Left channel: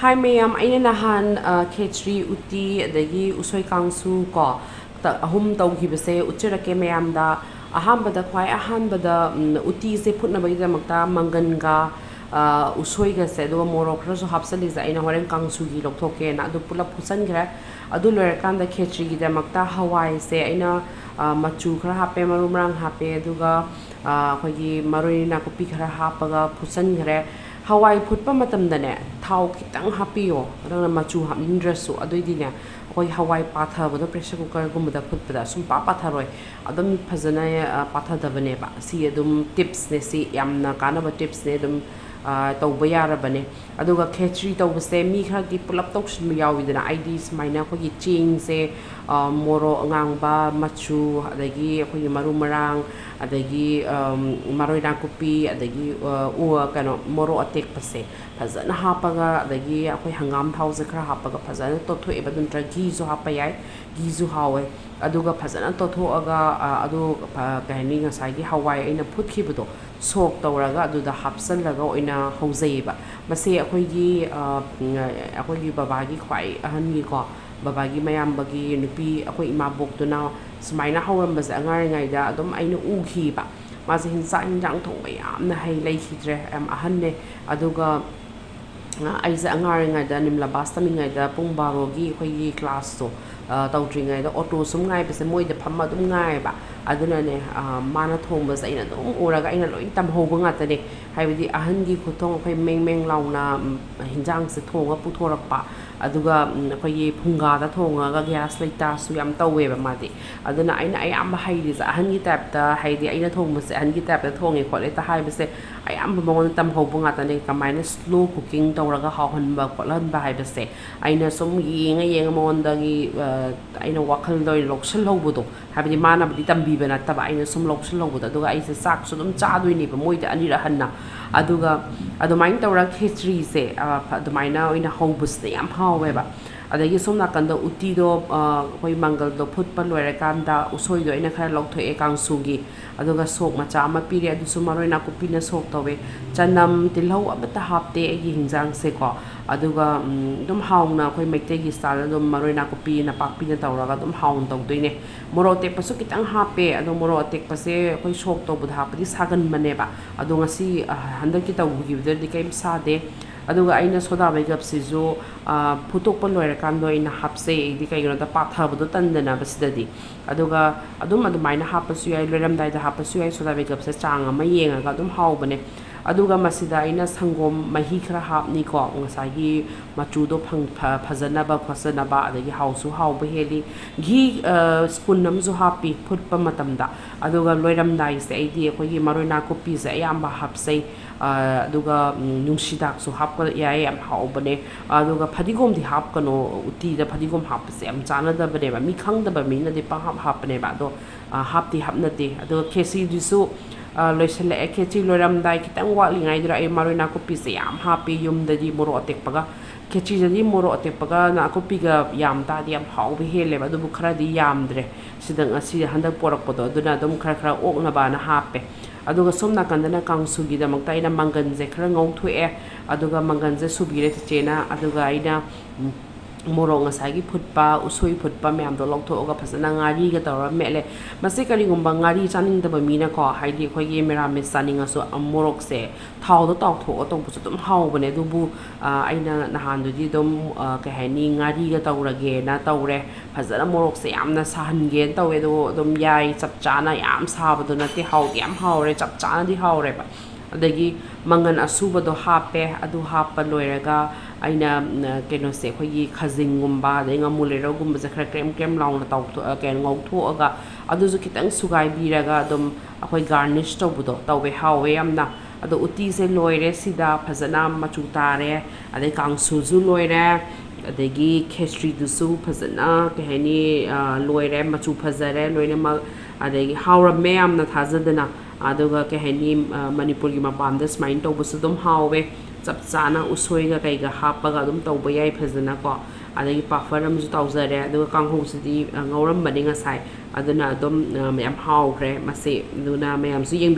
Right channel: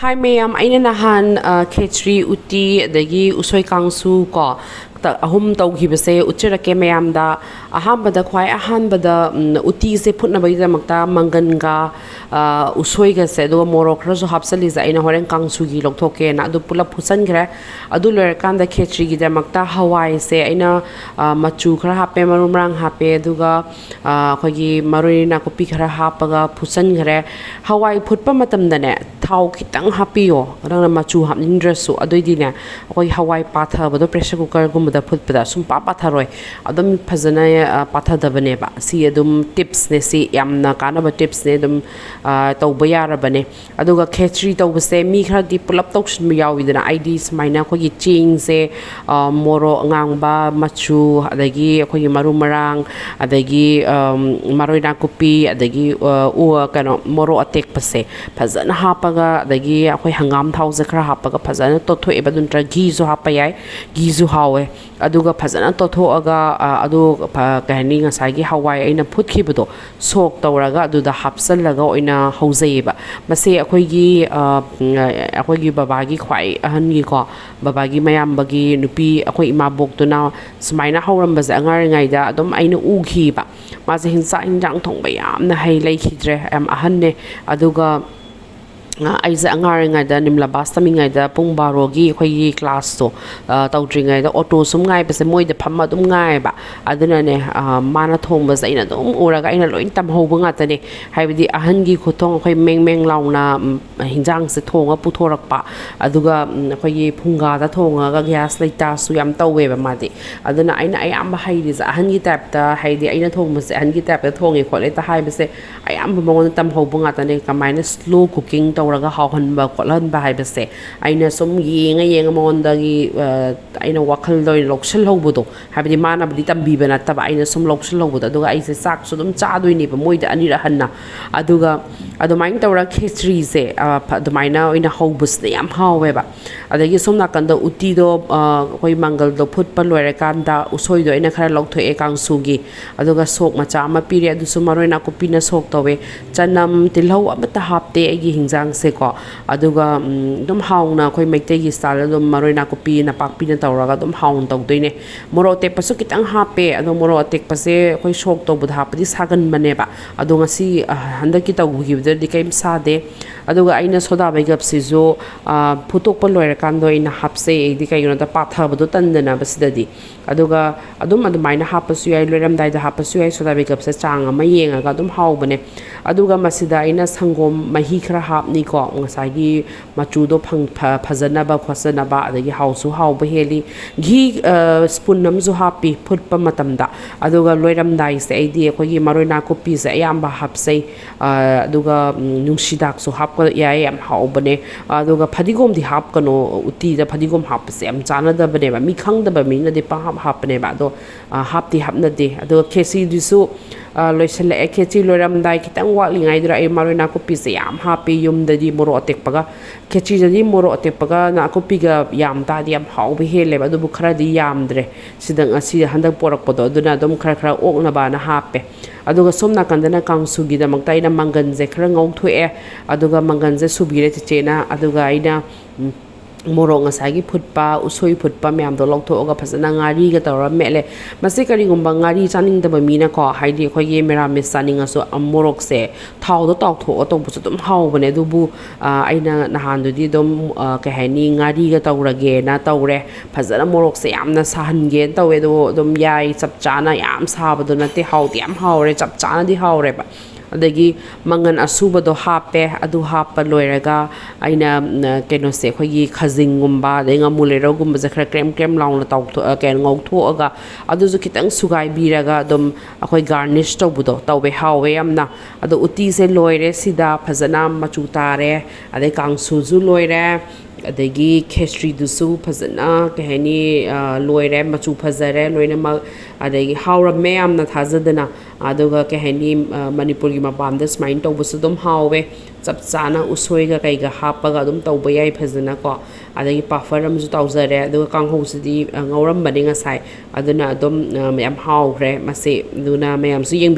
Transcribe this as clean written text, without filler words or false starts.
Hi ma'am, aina nahan Khichri uti adagi Ushoi Kangsu ko ahum tawghibase uchirake ma'am da ahambada khwai ahanbada uti se phutna bagidamata manganga usoi ga se do morok raso hapsali za aina horen kangsu gi lokthoke na adu pula phusan gra adu ler kan da Khichri gi damakta hawai se aina machu khara hape marumrang hape aduga khogi marina kopi khara hapaga phusan gre hawai phutpa matam da ne thau khitang hapiyo rang machu hapnin dresu adoidi ne khoi hawai patha bodo pressure cooker gum da phutpada sum pa patharoi adum phajana patha da bane ba si adum tips ne si yamna kana ba tips ne adum tawba yara bane aduga Khichri tawbase mi khara di pulap tawshin mi yawi dana id smaina khoi ching se moro ngang ba machu adagi khoi maru marang adagi maroi na kopi adagi kano moro atek pase phajana hapaga adagi khoi hangam thau za khara hapaga phajana to thoi ba dun tra gi zo hapa yai gi zo hawe aduga phajana to tho aga adu kahani ngasai gi hawai aina phuthi bado sok tawraga aduda hapsal laga oina hauzaiba mase akhoi gi baba gi khwai ahan gi ko baba gi mayam bagi nupi akhoi ima bok to na smaina hauram baza angar ngai da adum aina ugi ba mase hinsa injang thong ba yam na hai lai khidre am ahan ne aduga aiza angar ngai da nimla basta mi ngai da pung barogi khoi class to tawtri ngai da auto sum ngai pase moi da phamma dum ngai ba aduna ne mana thong ba zaina dum uraga ina loin tam ho bunga ta ne haibidi ahan gi khothong khoi meng launa hinjang se thonga puthorak pa aduga khoi phunga da thonga ga gas laita su yam tawe ba madi aduna aina ayam ba haidi za ahan gi tap ta haidi aina thong ma se ahan gi tap ta thongi khole ta hai ba se ayam ba mongon tam ho bunga ta ne kamaina slow cooking raga hauhan ba kolan ba haibase aina som yenga mondagi aina wakhal doi lokshal hobudo habidi mana bidi tambi bana taba aina som lokshal hobudo aduga aise sak so dum cha doi ni ba moida ani ra hanna aduga adumain tawra Khichri se adumaina oina hobus ne yam hawe ba adagi som nakanda uti do koi mangal do phut pa loire kanda usoi do ina khara loktho e kangsu gi aduga sok macha ama piri adu sumaroina ko pina sok tawe chanam tilhau amata hapte agi hingjang se ko aduga dum hauna khoi meite gi style dum maroina ko pi na pak pi na tawraga dum haun taw doine moro te pasu kitang hape adu moro tek pase khoi sok to budha padi sagan mane ba adu ngasi handaki taw gi di kaim sa de aduga aina soda bagap se jo phutok pa loira kando ina hapse di kai no da patha bodo tandana basidadi aduga adumaina hapasu yai loram dai da hapasu yai soda bagap se chang ama yenga ga dum haw bane aduga masida ina sangom mahi khara hapni ko ngasai gi machu do phajana ba khosana ba adagi hausu haw ba heli gi spoon nam zo happy phut pa matamda aduga loiram dai se aidi khoi gi maroina kopi se ayamba hapsei aduga nungsidak so hap ko yai am haw bane aduga phadigom di hap kano uti da phadigom hap se am chana da bane ba mi khang da ba mi na de pa hap ne ba do hap ti hap na de aduga kesi du su loisale Khichri loram dai kitang wali ngai dra ai maroina kopi se yam happy yum da di moro atek paga Khichri da di moro atek paga na kopi ga yam ta di am haw be hele ba du bu khara di yam dre sidang asi handak porak podo aduna dum khara ok na ba na hape aduga somna kandana kangsu gi da makta ina mangan je khara ngau thoe aduga mangan je subire che na aduga ina moro ngasagi phutpa usoi phutpa myam do lokthoga phasana ngari ga tawra mele mase kari gumba ngari chaning da ba mina ko haidi khoi ge mera me saning aso amorok se thau do tok tho to bu dum haw bane du bu aina nahan du di dum ka hani ngari ga tawra ge na tawre phasana morok se yamna sahan ge tawe do dum yai chap chana yam sa ba do na te haw ti am haw re chap chana di haw re ba adagi mangan asuba do hape adu hapa loiraga aina keno se khoi khajing gumba denga mulero gumba zakra krem laung la taw ken ngau tho aga adu zu kitang sugai biraga dum akhoi garnish to budo tawbe hawe amna adu uti se loire sida phajana machu tare ade kangsu zu loire adagi Khichri du su phajana kahani loire machu phajare loina ma adagi hawra me amna thajadana aduga kahani Manipuri gi mapamda smain to busu dum hawe chap chana usoi ga kai ga hapaga dum tawba yai phajana ko adagi pafaram ju tawzare aduga kangho sidi ngauram bani ngasai aduna dum yam hawre mase duna mayam su yeng